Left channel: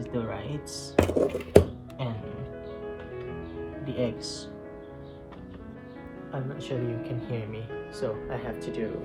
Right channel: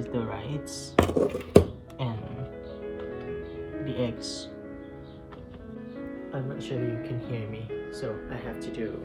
is the rice, and the eggs. I'm not sure you can hear me, so I have to do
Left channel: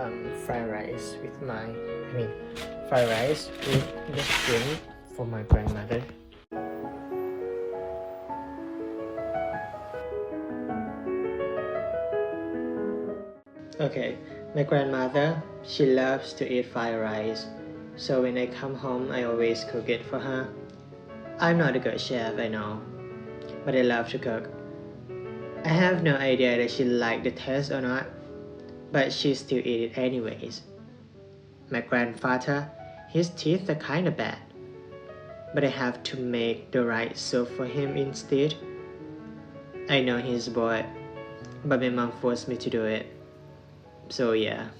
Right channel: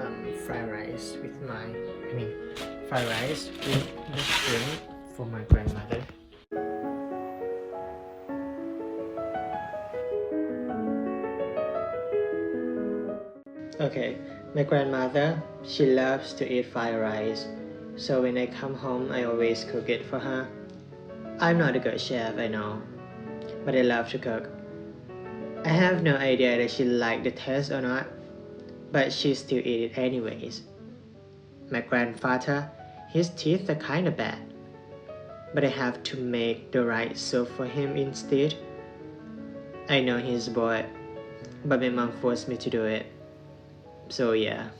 um, fried rice with my, I mean, fried rice with the shrimp for my grandmother. Okay, my grandmother, she loves to eat fried rice. So when I come home, I always cook it for her. I'm not a good chef, I know, but I love to cook. I have no idea that she liked the taste or not, but she still eat it anyways. My grandfather, his teeth are kinda bad, but I have to make the right soup for him instead. I know he's bored, but my mom forced me to do it. So yeah.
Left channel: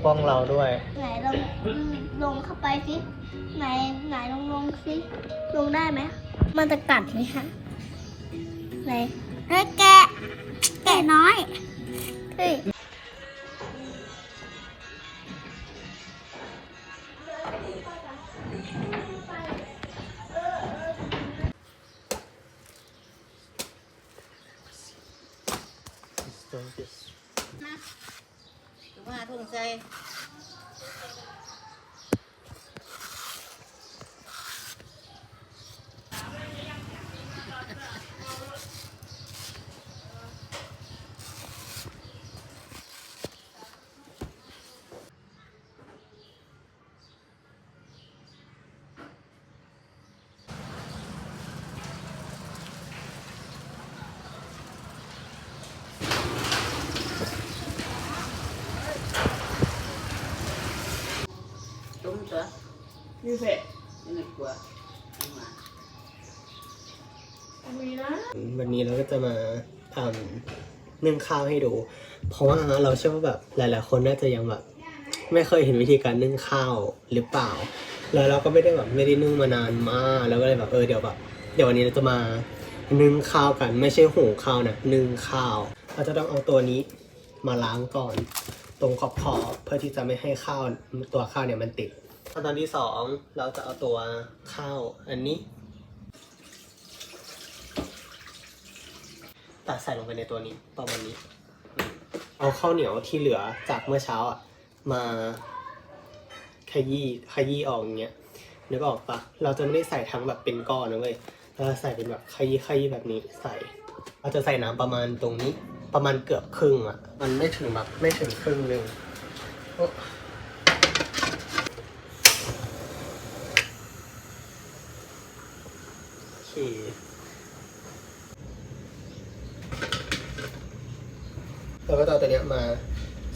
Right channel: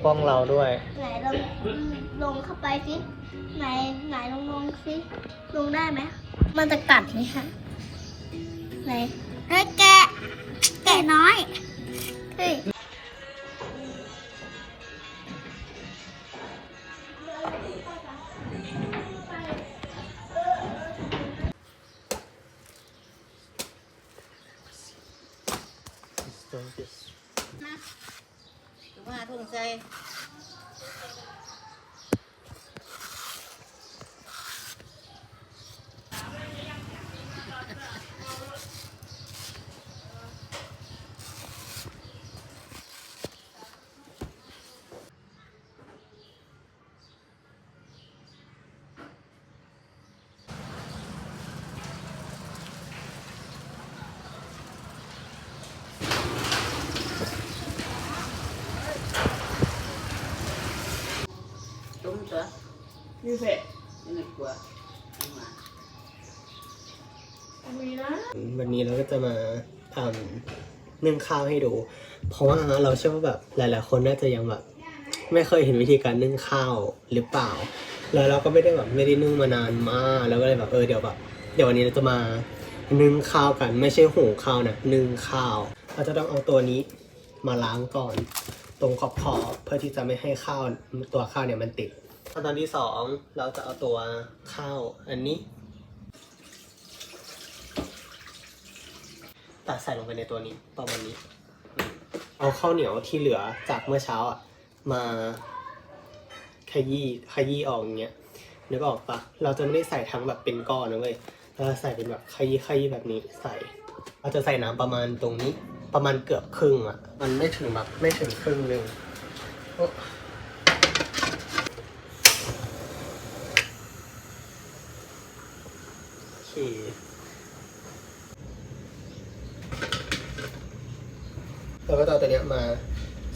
ปกป้องเราด้วย ไหนลองลงเข้าไปสิไหนไหนลงลงสิลงได้ไหมมันจะกัดไหมคะไหนเฮ้ยแกะแกะน้อยเฮ้ยมา ทุ่งใจ đúng chưa ยูเฟ่ cái này của nhưng mà มีนะวันนี้เราก็จะมาทำนึ่งข้าวให้ดู เพราะว่าเราเชื่อว่าแบบหลาย ๆ คนน่าจะยังแบบไม่เคยเห็นวิธีการนึ่งข้าวหรือเปล่า แล้วเราก็ไม่ได้แบบไม่ได้นึ่งมานานมากแล้วก็เลยแบบเออเดี๋ยวแบบเดี๋ยววันนี้เราจะมานึ่งข้าวกันไม่ใช่หุงข้าวนะนึ่งข้าว เราจะต้องเอาตัวนี้มาล้างก่อน ตรงขอบขอบๆเพื่อที่จะไม่ให้ข้าวตัวข้าวเนี่ยมันติด ขั้นตอนที่สองเราจะเอาตัวข้าวอันนี้ ตัดใส่ลงไปในตัวนี้ประมาณนี้ เอาข้าวเหนียวที่เหลือจากเมื่อเช้าอะมาขยี้ขยี้ออกอย่างเงี้ยนึกออกปะเราจะไม่ได้ใส่ทั้งแบบเป็นก้อนนะเว้ยเราจะใส่เป็นแบบขยี้ขยี้แบบนี้ใส่เราจะใส่น้ำประมาณตรงนี้ ประมาณเกือบครึ่งอะ มันไม่ถึงแบบไม่ถึงครึ่งหนึ่งโอ้โอเค เราก็จะเอาตัวเนี้ยมา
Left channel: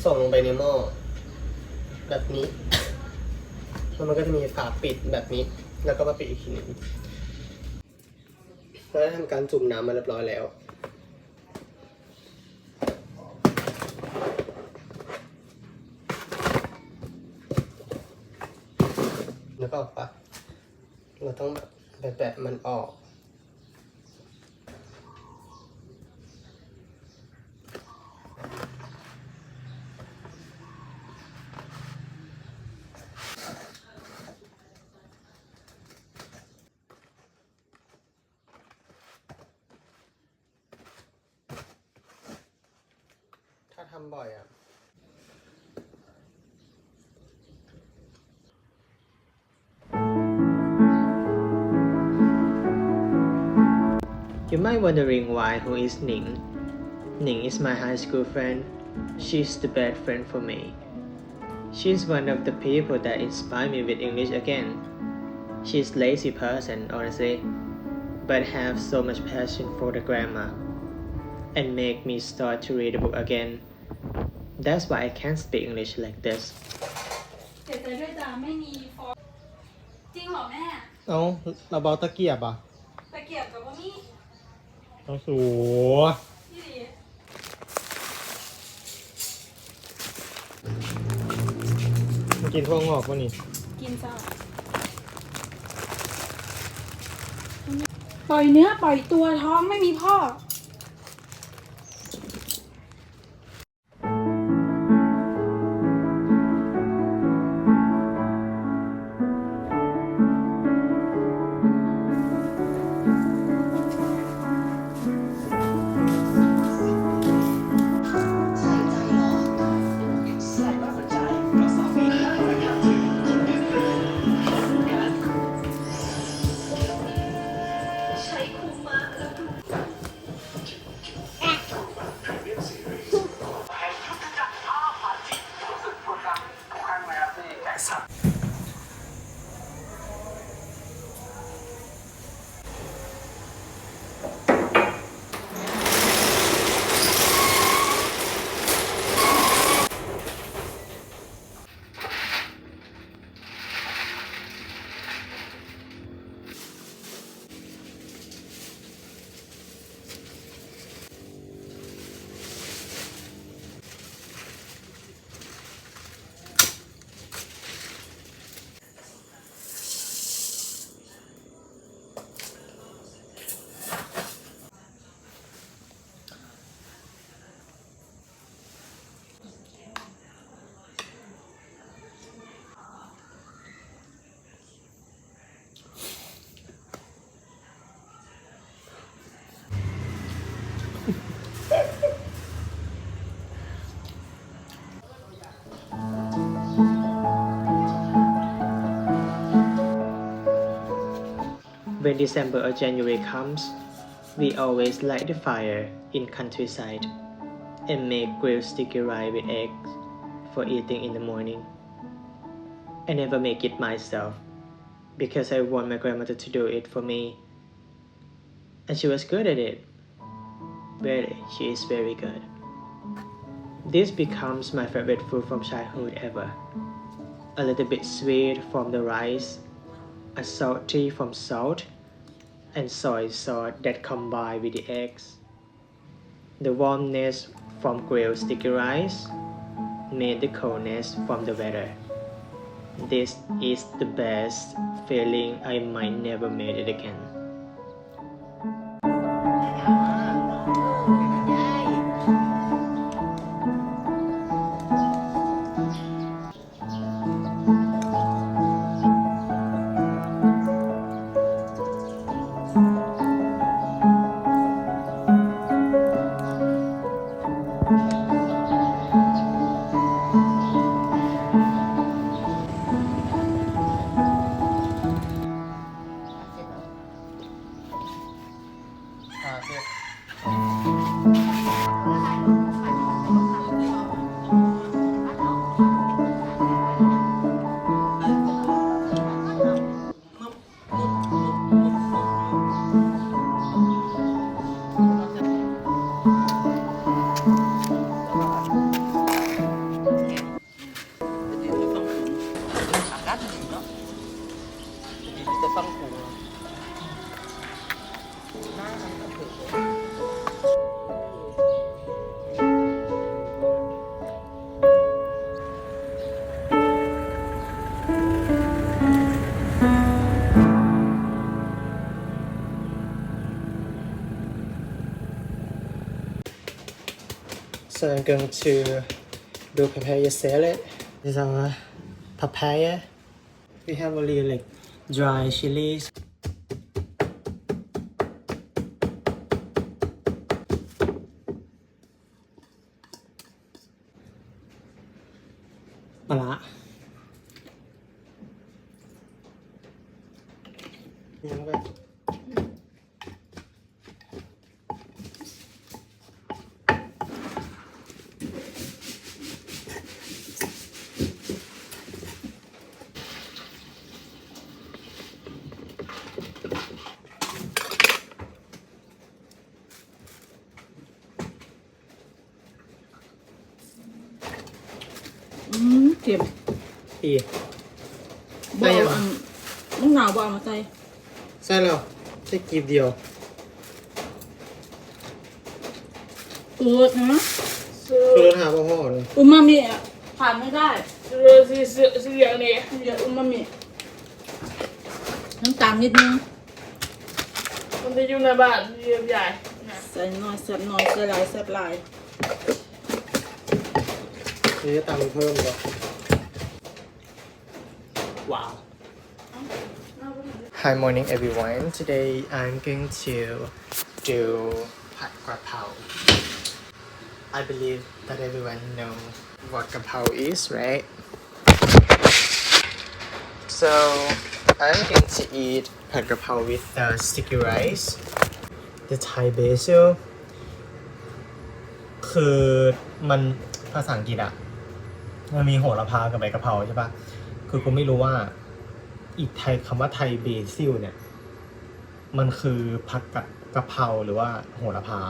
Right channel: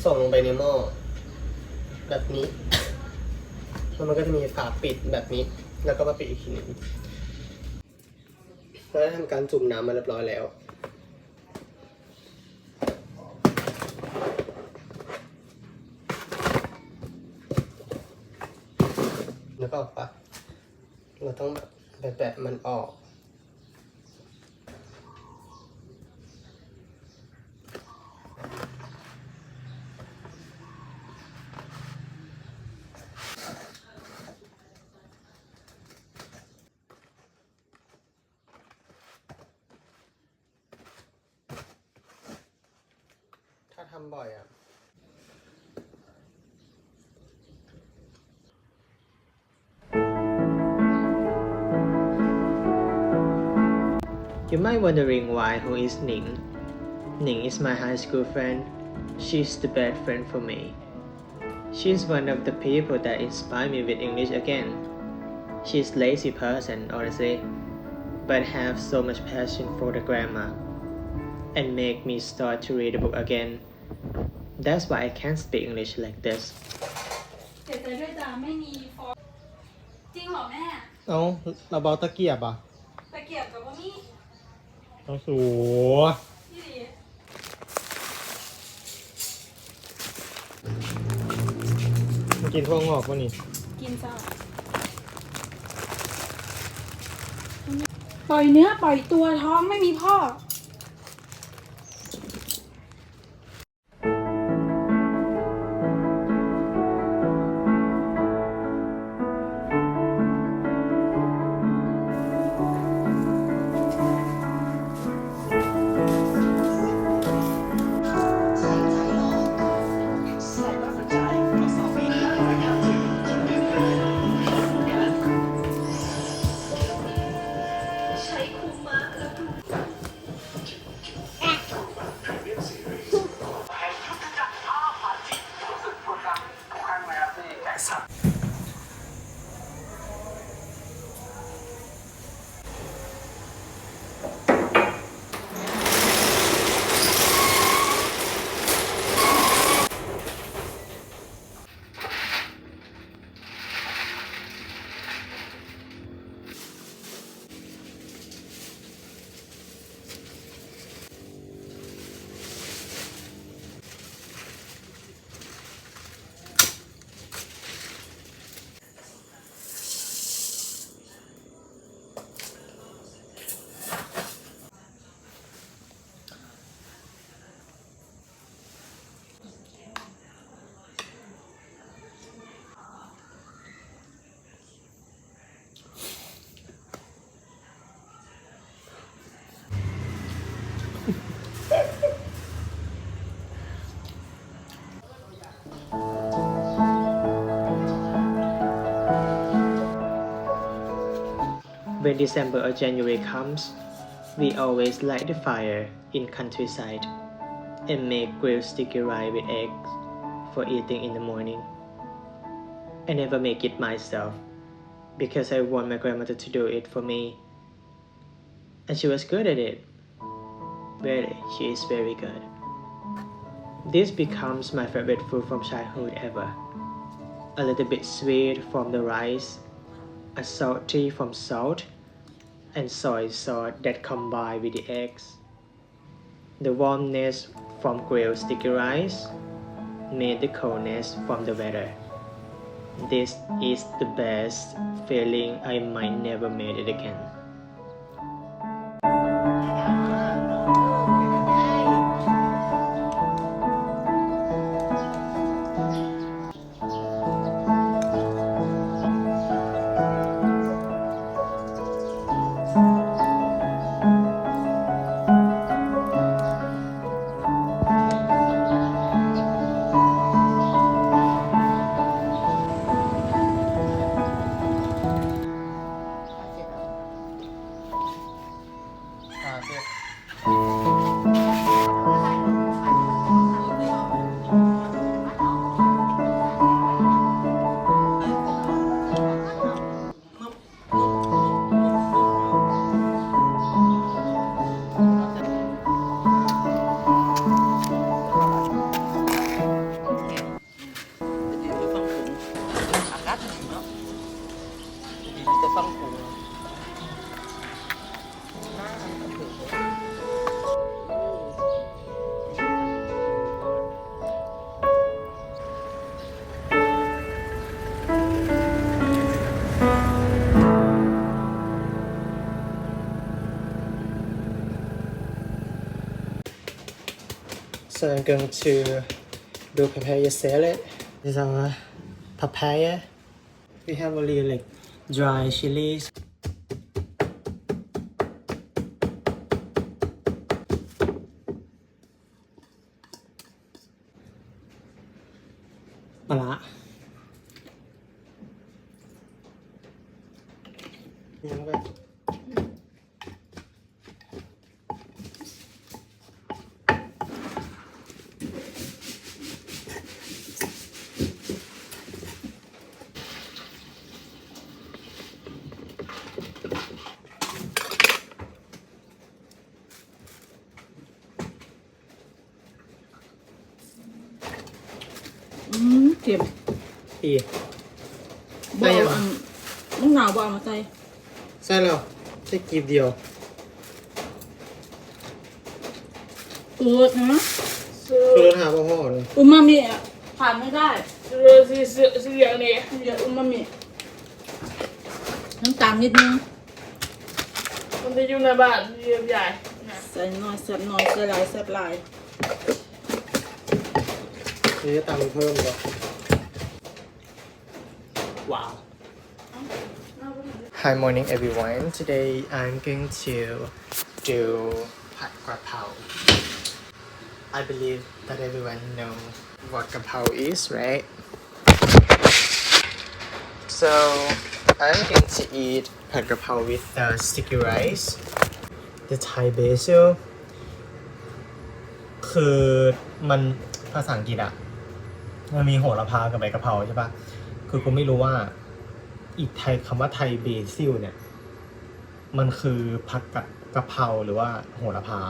ส่องลงไปในหม้อแบบนี้แล้วมันก็จะมีฝาปิดแบบนี้ แล้วก็มาปิดอีกทีนึงเราได้ทำการจุ่มน้ำมาเรียบร้อยแล้วแล้วก็ออกปะเราต้องแบบแบะๆมันออก You might wondering why who is Ning. Ning is my high school friend. She's the best friend for me. She's one of the people that inspire me with English again. She's lazy person honestly, but have so much passion for the grammar and make me start to read the book again. That's why I can speak English like this. เสียใจด้วยจ้าไม่มีฟอร์จริงเหรอแม่ เอาเราเบาตะเกียบอ่ะ ตะเกียบกับว่ามี เอาสูที่ดีมากินพวกงอกวะนี่กินจ้าปล่อยเนื้อปล่อยตัวท้องไม่มีพ่อ When December or January comes, we always light the fire in countryside and make grilled sticky rice with eggs for eating in the morning. I never make it myself because I want my grandmother to do it for me. And she was good at it. Really, she is very good. This becomes my favorite food from childhood ever. A little bit sweet from the rice, a salty from salt, and soy sauce that combine with the eggs. The warmness from grilled sticky rice made the coldness from the weather. This is the best feeling I might never made it again. hát gì nữa Vì tôi phân cùng Nó ăn tập thể rồi So I'm going to do papaya salad. These are papaya we have only like dry chilies. Pala. Yeah, okay. อีบอลอันมึงหนาวบอลมาใส่ใช่แล้วแค่กีบเดียวเปิดนะคือรถหาพ่อพ่อเลยอุมามิอะผ่านไม่ได้เออสีเสือสีเหลืองนี่เดี๋ยวอุมามิน้ำตาลนิดนึงมันจะอยู่ในบ้านเรียบใหญ่นะใส่หน่อยแซ่บหน่อยใส่หลายแซ่บหลาย นี่จะตามเพิ่มก่อนว้าว Hi morning everyone today I'm going to do ผัดกระเพรา I believe that everyone know what กะเพรา is right so I'm going to eat ผัดกระเพรา with the sticky rice the Thai basil คือมันภาษาอังกฤษอะมันมีโหระพากับใบกะเพราใช่ปะคือกูไม่รู้ว่า อีกไทยคำว่าไทยเบซิลเนี่ย มันคือผักกะกะเพราหรือว่าโหระพา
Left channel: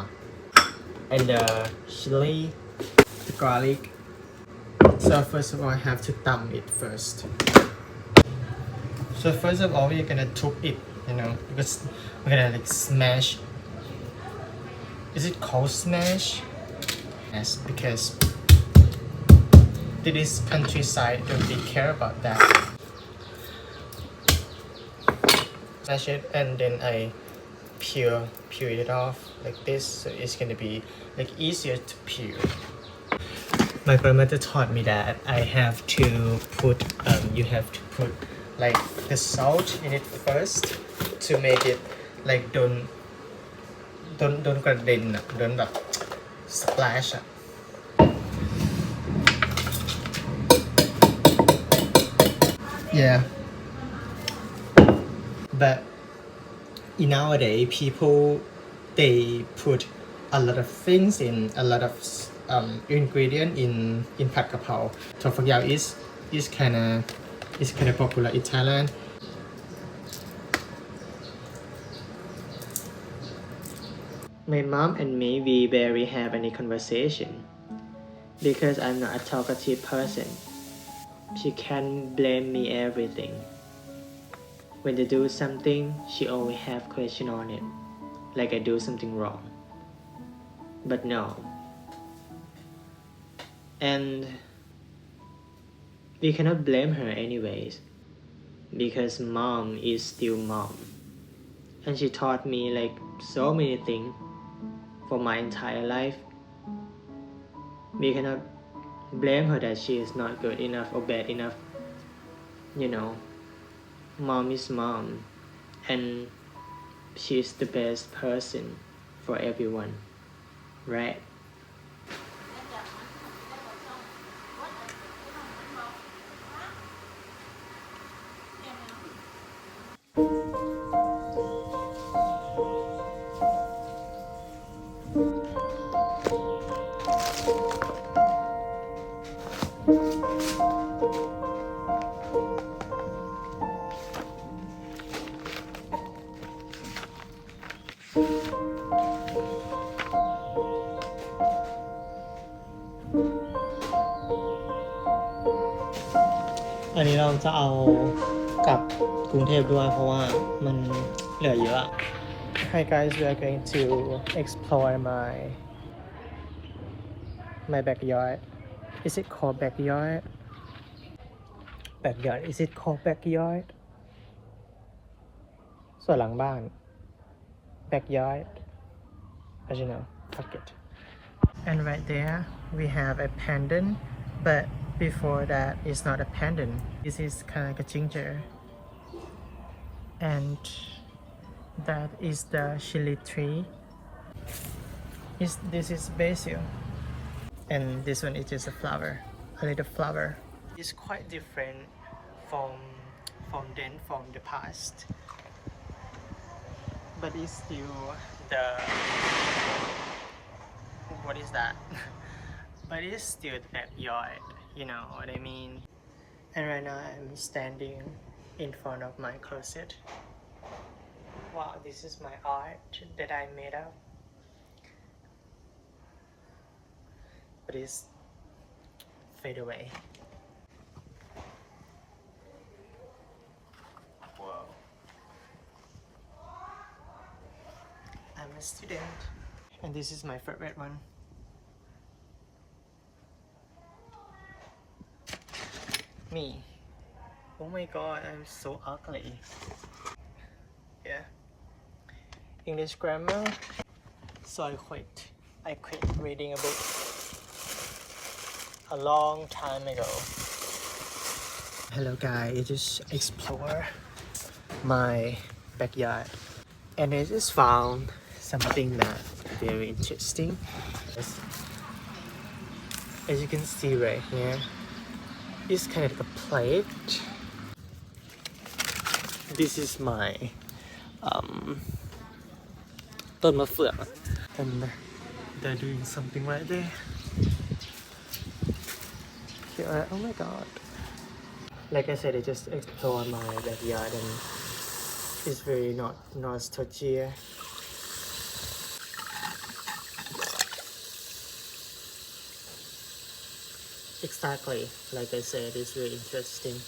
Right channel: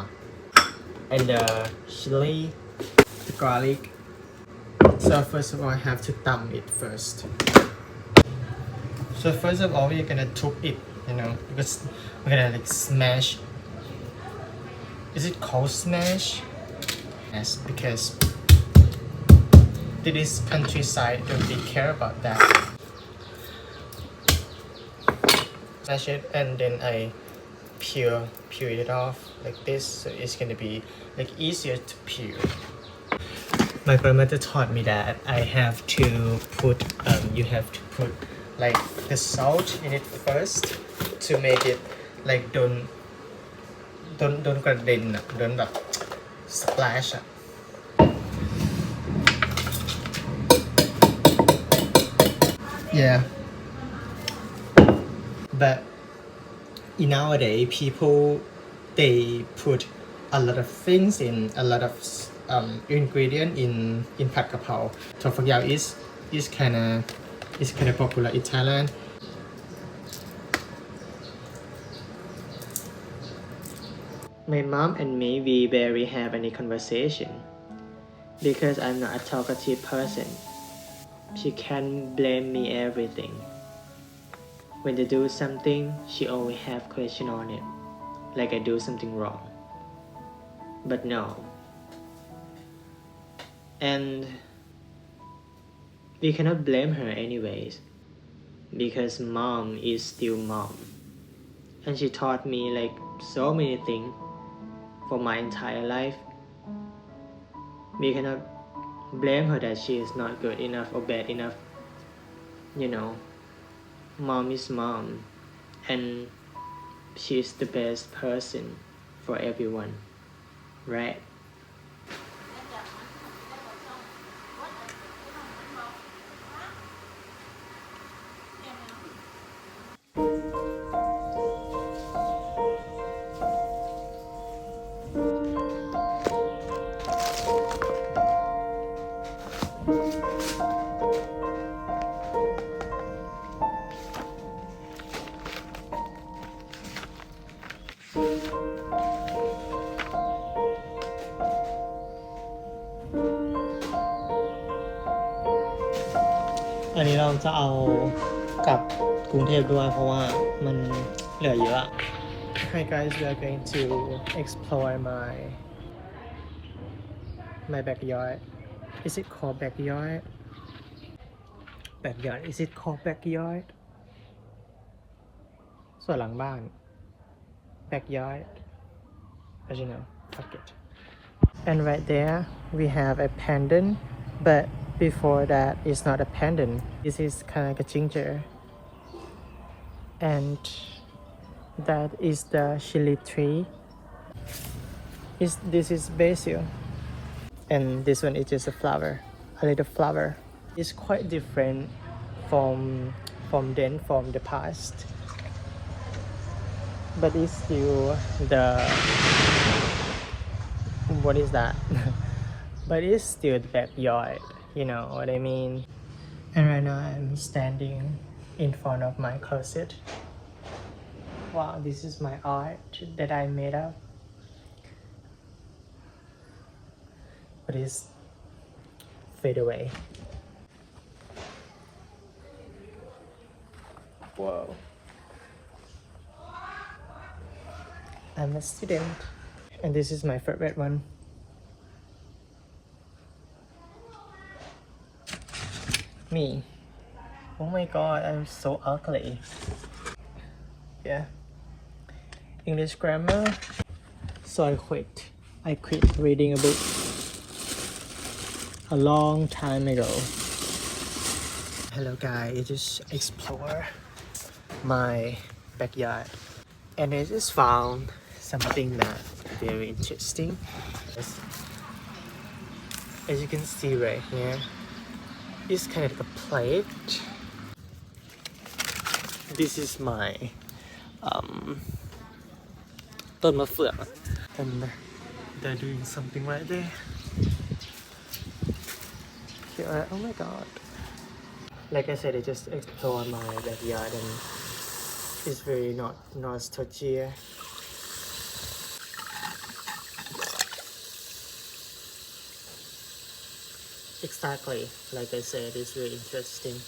and the chili the garlic so first of all I have to thumb it first so first of all we're gonna chop it you know because we're gonna like smash is it called smash yes because this countryside don't really care about that smash it and then I peel peel it off like this so it's gonna be like easier to peel my grandmother taught me that I have to put um, you have to put like the salt in it first to make it like don't don't don't กระเด็นอ่ะ don't แบบ splash อ่ะ yeah but in nowadays people they put a lot of things in a lot of um, ingredient in in pad for example, is is kind of is kind of popular in Thailand. My mom and me we barely have any conversation because I'm not a talkative person. She can blame me everything. When they do something, she always have question on it, like I do something wrong. But no. And we cannot blame her anyways, because mom is still mom. And she taught me like so many things for my entire life. We cannot blame her that she is not good enough or bad enough. You know, mom is mom, and she is the best person for everyone, right? อันนี้เราจะเอากลับกรุงเทพด้วย เพราะว่ามันเหลือเยอะ Hi guys we are going to explore my my backyard is it called backyard backyard is it called backyard ส่วนหลังบ้าน backyard as you know fuck it and right there we have a pendant but before that it's not a pendant this is kind of like a ginger. And that is the chili tree. Is this is basil. And this one is just a flower a little flower. It's quite different from from then from the past. But it's still the what is that? but it's still the backyard, you know what I mean? And right now I'm standing in front of my closet. Wow, this is my art that I made up. But it's fade away. Whoa. I'm a student, and this is my favorite one. Me. Oh my god, I'm so ugly. Yeah. English grammar. So I quit. I quit reading a book a long time ago. Hello guys, I just explore my backyard and I just found something that very interesting. As, as you can see right here, it's kind of like a plate. This is my um ต้นมะเฟือง and they're doing something right there. Here, oh my god. Like I said, I just explored my backyard and it's very not nostalgia. Exactly, like I said, it's very interesting.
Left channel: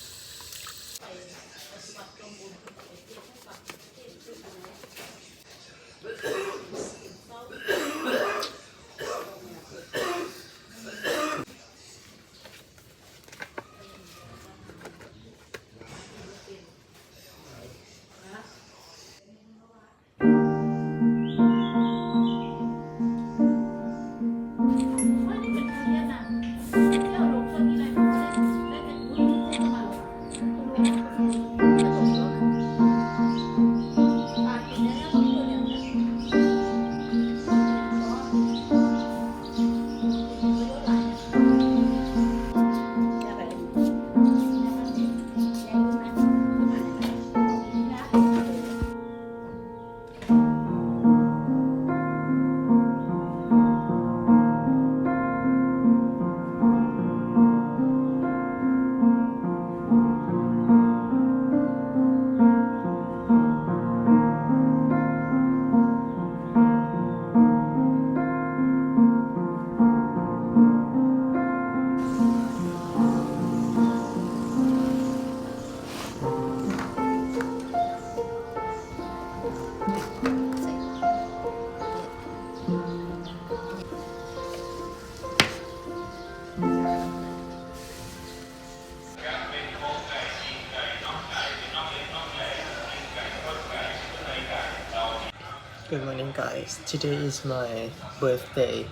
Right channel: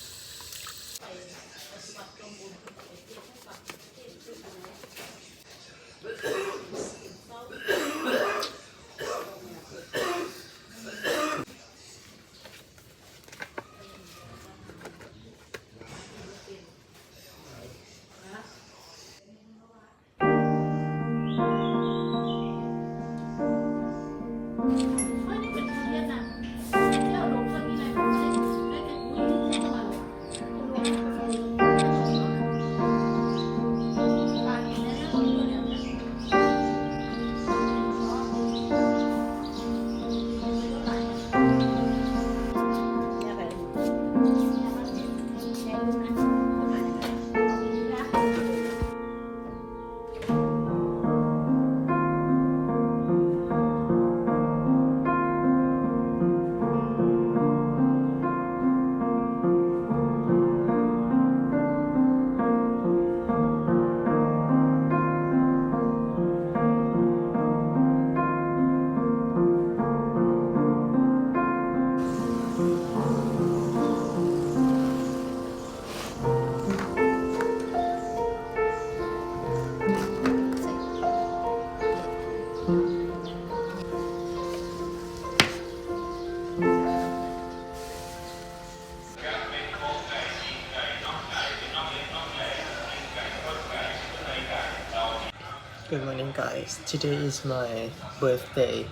Good morning, guys. Today is my birthday,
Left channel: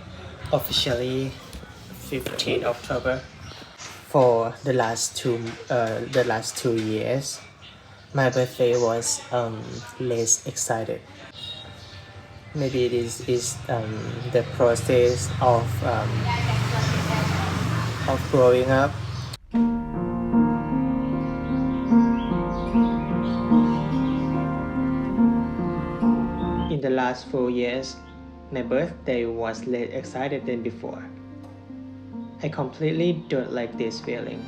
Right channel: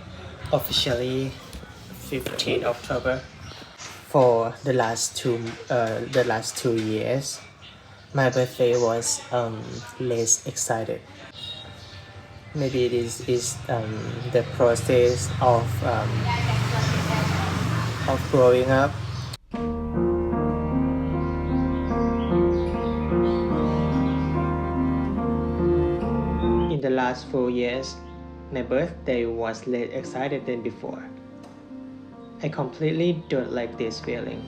officially 15 October. For the last two, uh, the last two years, my birthday was um, less excited. Maybe it is is um, the process of um, of growing up. Last four years, my birthday was less excited than before. I completely don't like this feeling.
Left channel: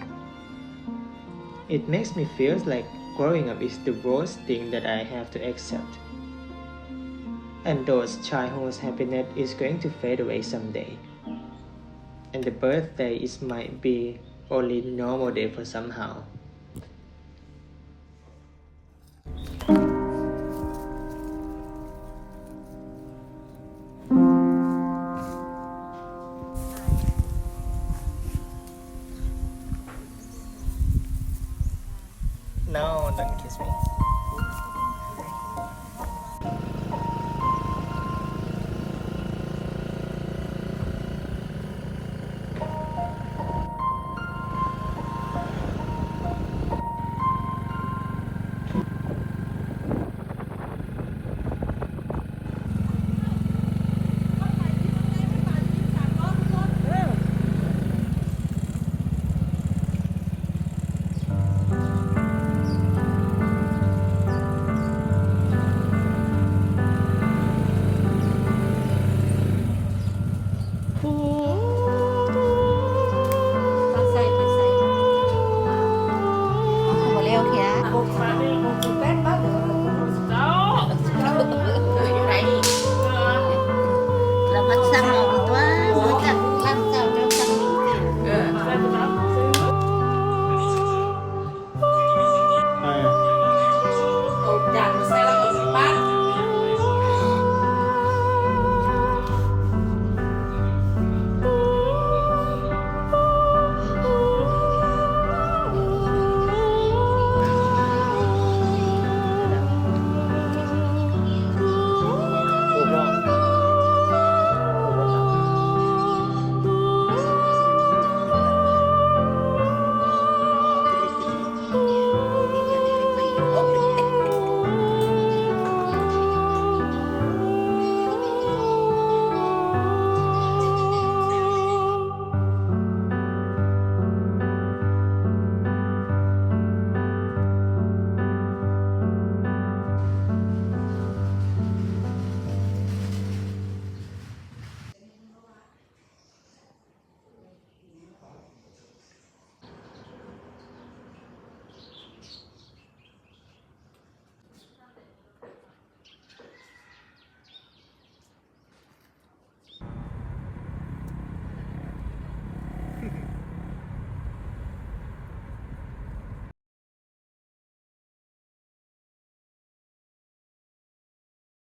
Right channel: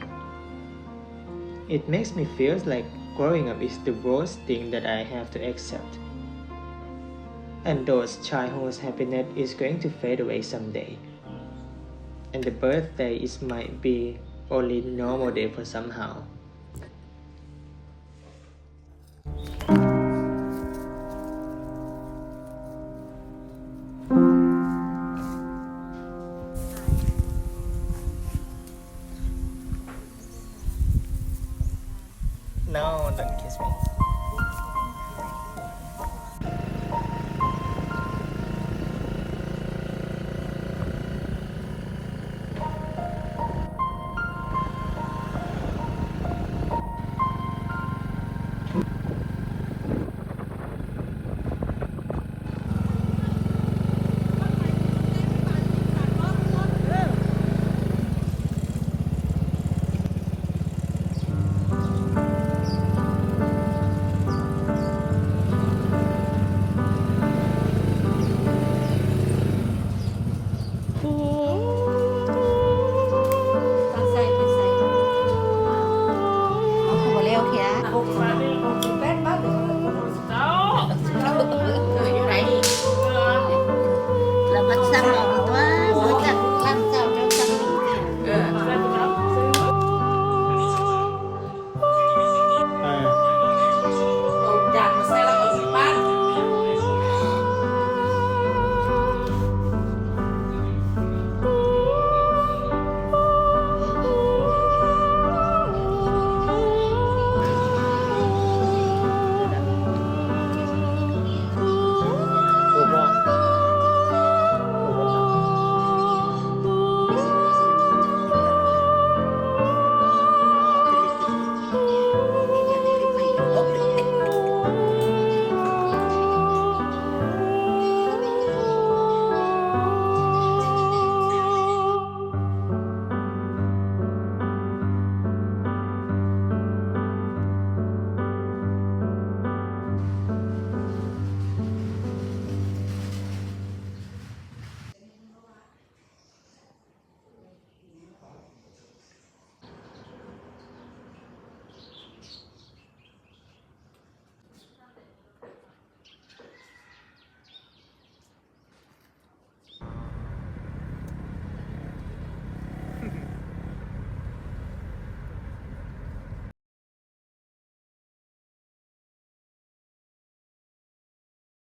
It makes me feel like growing up is the worst thing that I have to accept. And those childhood happiness is going to fade away someday. And the birthday is might be only normal day for somehow.